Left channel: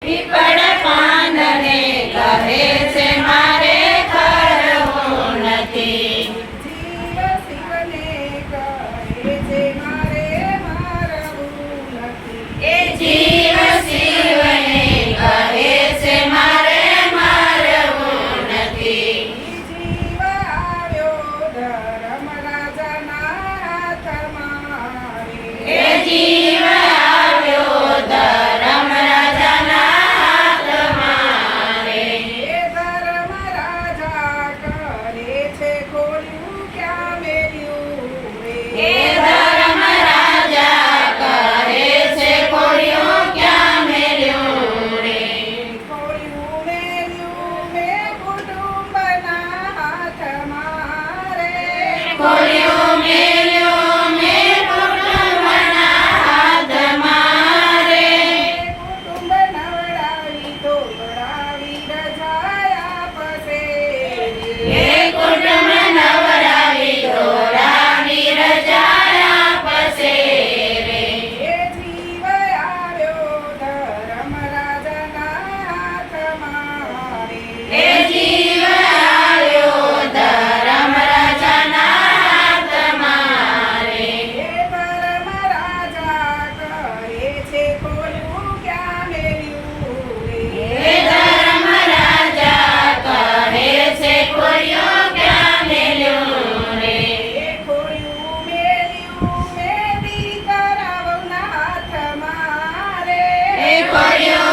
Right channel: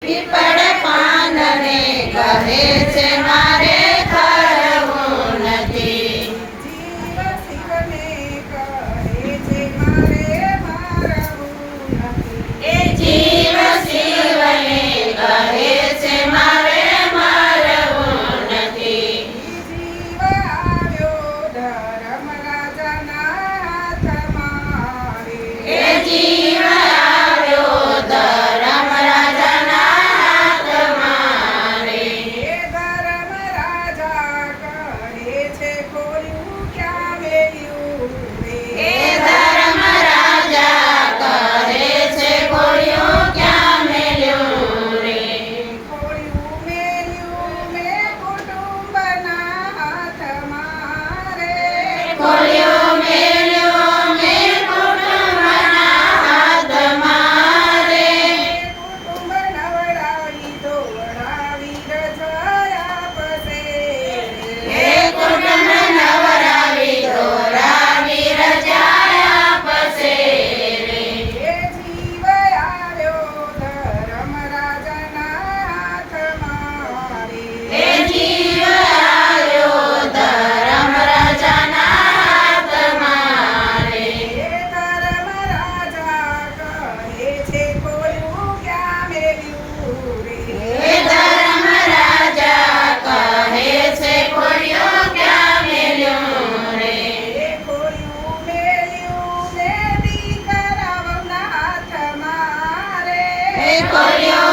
People. por Dios. misericordia.